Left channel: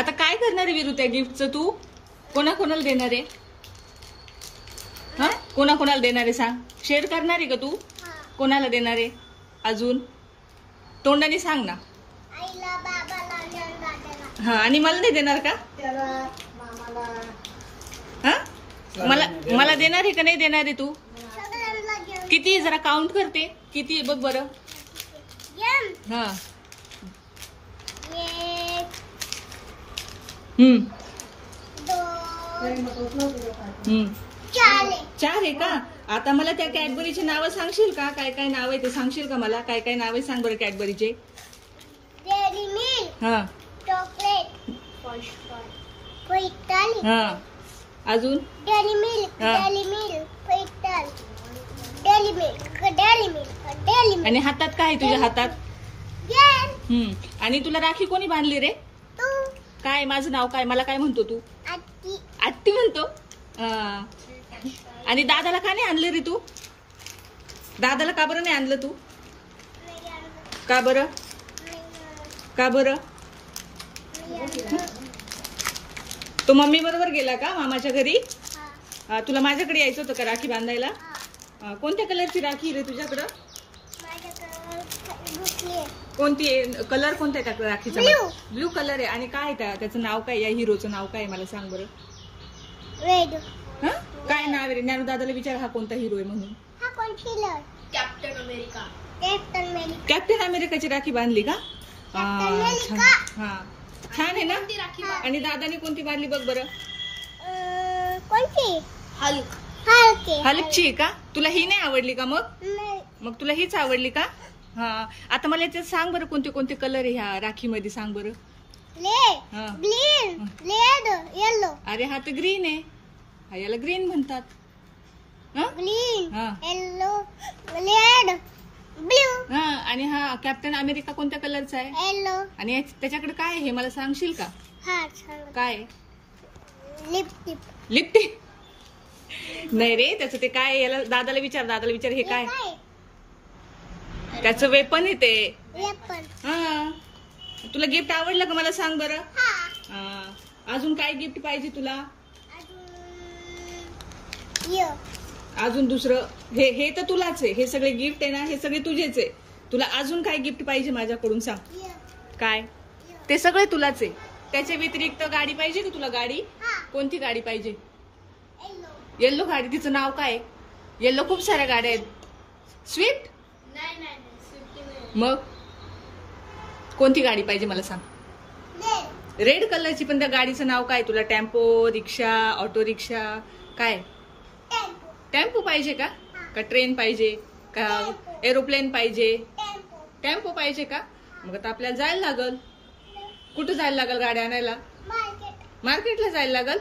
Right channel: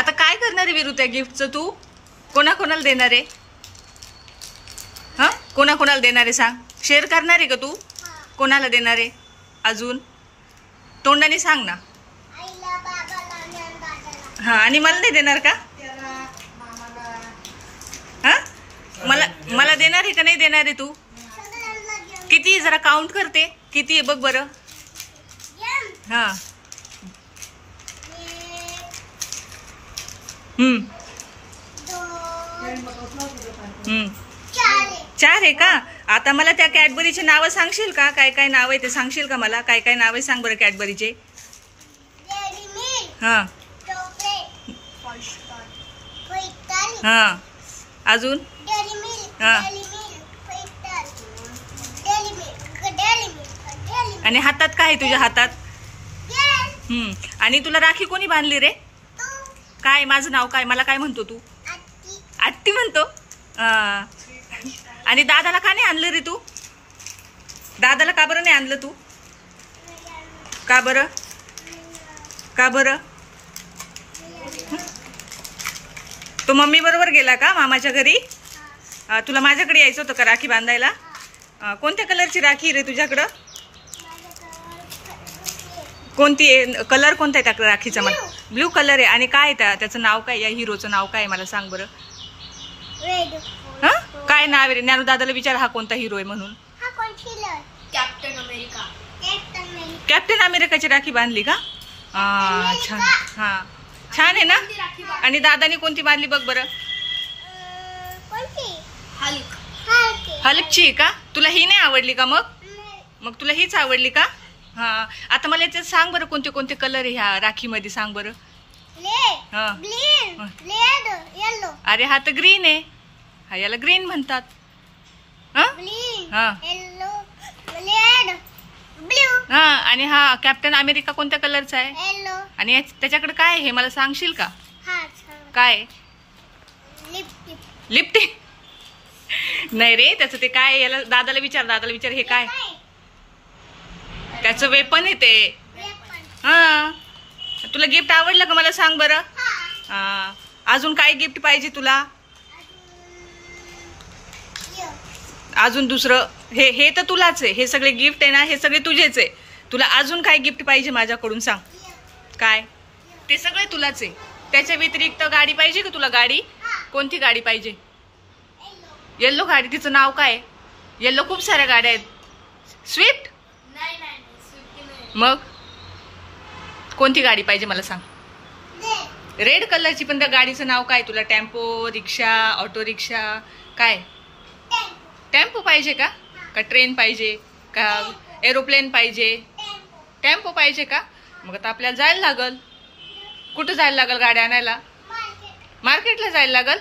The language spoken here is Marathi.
आता काय करणार आहे विरू त्या गिफ्टचं तू? कोणाकोणाला देणार आहे? हा, कोणाकोणाला देणार आहे सांग. शेअर करणार आहे का तू? कोणाला देणार आहे अजून? तोंडाने सांग ना. आईला, बाबाला आणि दादाला. हा, आणि मला नाही देणार का? त्याला, मामाला. हा, मला देणार आहे का नाही देणार आहे तू? सगळ्यांना घेऊन. किती जरा काउंट करते, किती आहे बघ बरं. घेऊन. हा. 1 2 4 4 आहे का? आता मला त्या कॅडबरीचे नावं सांगशील का? काय काय नाव आहे ते सांगशील का मला? काय काय नाव आहे सांग बरं कॅडबरीचे. डेअरी मिल्क, हा चॉकलेट, क्रिस्टल, हा, अजून डेअरी मिल्क, हा. Dairy milk, crystal, dairy milk, dairy milk, dairy milk. आणि हातात काय आहे तुझ्या हातात? घेऊन. आणि तुला राखी कोणी बांधली रे? तू. काय माझं नाव काय? मला काय म्हणतो तू? आत्ती. आत्ती म्हणतो. आणि दादाला का नाही आणलं रे तू? दादाला का बरं नाही आणलं तू? का बरं? का बरं? तो मम्मी बरोबर गेला का मामाच्या घरी? तुला माझ्याकडे यायचं होतं का राखी बांधायला? कोणत्या कलरची राखी रे तुझ्याकडं? कोणती कलर कोणता आहे त्या राखीचा? मला ब्ल्यू कलर आहे. आणि काय आहे त्याचं नाव काय? या हिरोचं नाव काय मला सांग बरं. रेड. हा, काय नाव आहे रे? ज्ञानू दादाला विचार हा कोणता हिरो आहे म्हणून. हा कोण killer? Captain America. Captain America. Captain अमेरिकाची राखी बांधली का? छान. हा, छान आहे ना. आणि दादानी कोणती बांधली बघ बरं. कोणती? हल्क. हल्कची आहे का? तुला ही नाही आवडली का मग? नाही. मग तुला हीच आवडली का? हा, आता मला याच्यात सांग बरं कोणते कोणते कलर आहे ह्या राखीमध्ये सांग बरं. हा. Green, red, yellow. अरे हा तर ग्रीन आहे. हा, याला ग्रीन म्हणतात. हा? ग्रीन, हा. Yellow, red, blue. हा, आणि हा कॅप्टन अमेरिका कोणत्या कलरचा आहे? येलो. आणि त्याच्याकडे काय आहे हे मला सांगशील का? हा छान. काय? लिपस्टिक. लिपस्टिक नाही रे, त्याचं ते काय आहे? याला दादाला विचार हे काय? त्याचं वेपन आहे ते. वेपन. हा, तुला गिफ्ट आवडलं का मला सांग बरं. हा. अजून काय गिफ्ट पाहिजे तुला? यो. अजून दुसरं हे तर तुलाच आहे. हे सगळे गिफ्ट आहे ना, हे सगळे तुझेच आहे. तुला अजून काय गिफ्ट पाहिजे माझ्याकडून सांग. यो. काय? ते सगळे तुलाच आहे. त्याच्या व्यतिरिक्त गाडी पाहिजे का तुला? गाडी हा. कोणती गाडी पाहिजे? येलो. येल्लो गाडी. तिचं नाव काय? येल्लो खूप साऱ्या गाड्या आहेत. स्विफ्ट? नाही नाही स्विफ्ट नाही. मग कोणती गाडी पाहिजे मला सांग. रेड. रेड कलरची. पण त्या गाडीचं नाव काय? तुला टेम्पो, रिक्षा, ऑटो रिक्षा, काय? टेम्पो. टेम्पो पाहिजे का? का ट्रेन पाहिजे का? एरोप्लेन पाहिजे? टेम्पो. टेम्पो पाहिजे का? मग आता आपल्याला जायला लागल. कुठं जायला लागल गाड्या आणायला? मार्केट. मार्केटला जायला लागल.